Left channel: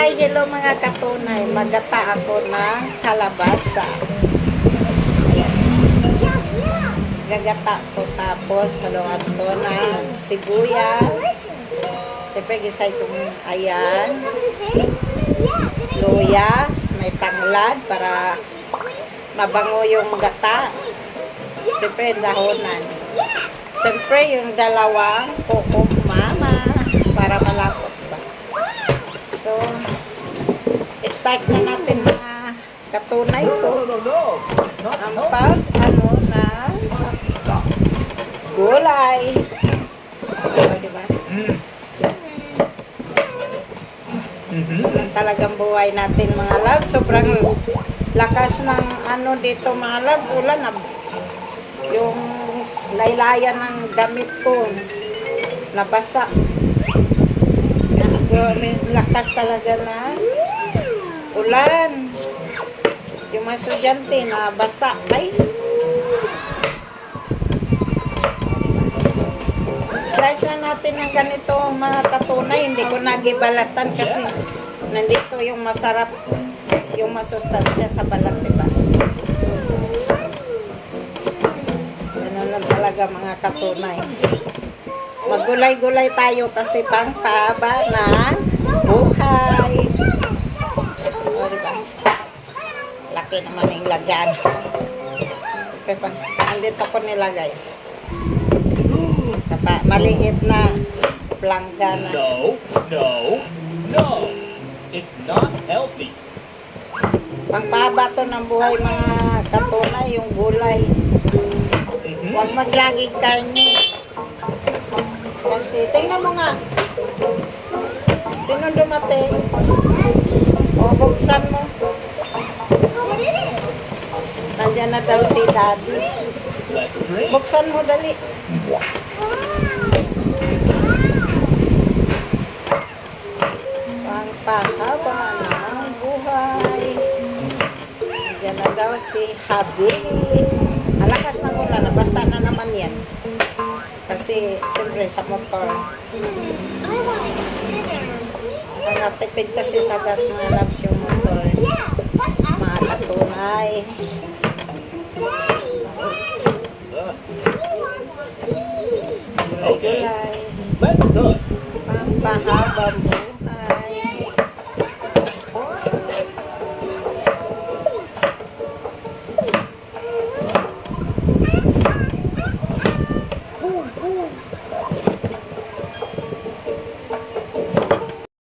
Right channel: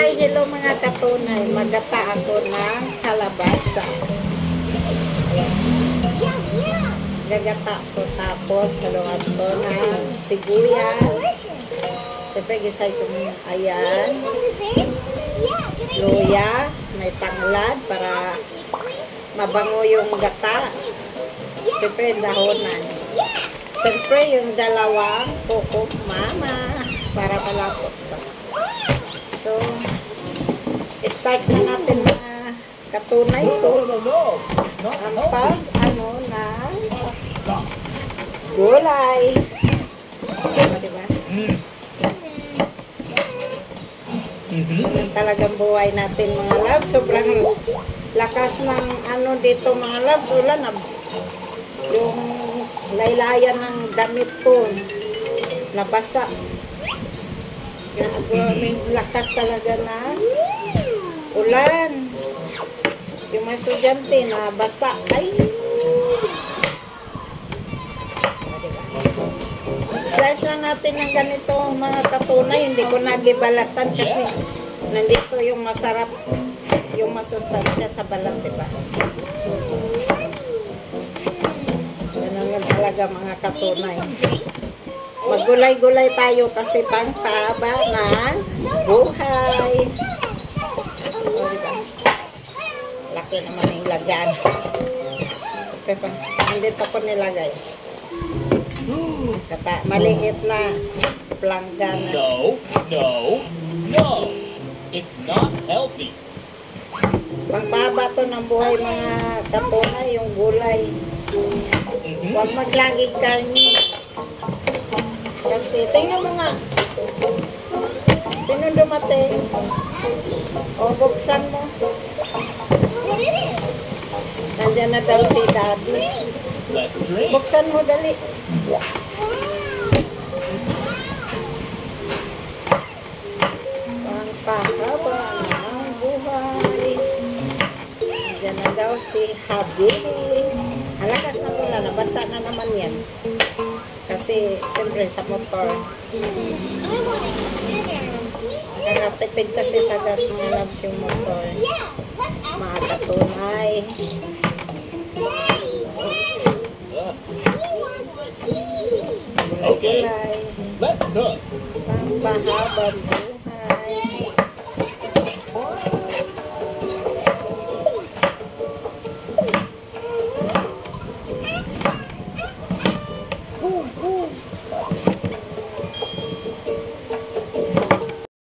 Hi! Hello mga katunay. Magata ako ng kalabasa. Ayan. Gagata ko tapos haluan ko ng sibuyas. Siyempre, gisay ko ayan. Luya. May tanglad para mabango yung gata. Siyempre, dahonan. Siyempre, yung dalawang kuko mama start na natin mga katunay ko. Ang pag, ano, na gulay. O, diba? Ganun talagang buhay natin mga loves. Sobrang lakas ng ano dito mga loves. Ulan na yung laylayan ng damit ko nabasa. Na, may lakas talaga na ulan. Yung mga estudyante na basa. Ay! Slice na natin ng ganito mga katunay. Hindi ko nagibalatan kasi nandito yung masarap, yung masustansya sa balat, diba? Ganun lang talaga mga katunay. Magulay-gulay tayo kasi pang taba buhay. O, diba? Laki naman yung lagan. Pepa, andito ko nilagay. Sa pa, maliit na planggana. No, no, no. It's not healthy. Pangpaba to ng buhay mga katunay, yung gulay. Mhm. Huwag maglaging karni. Kasi, tingnan mo nga. Sino dumating? O, buksan mo. Nandiyan na daw si daddy. Buksan mo dali. Pangpahaba ng buhay. Diyan na daw si Habibi. Ang lakas ng ulan, nabasa na naman yan. Kasi, siyempre, sa motor. Nakatipid kasi sa gas mga labs yung motor. Mga katunay. Let's cook. Pampahabang buhay.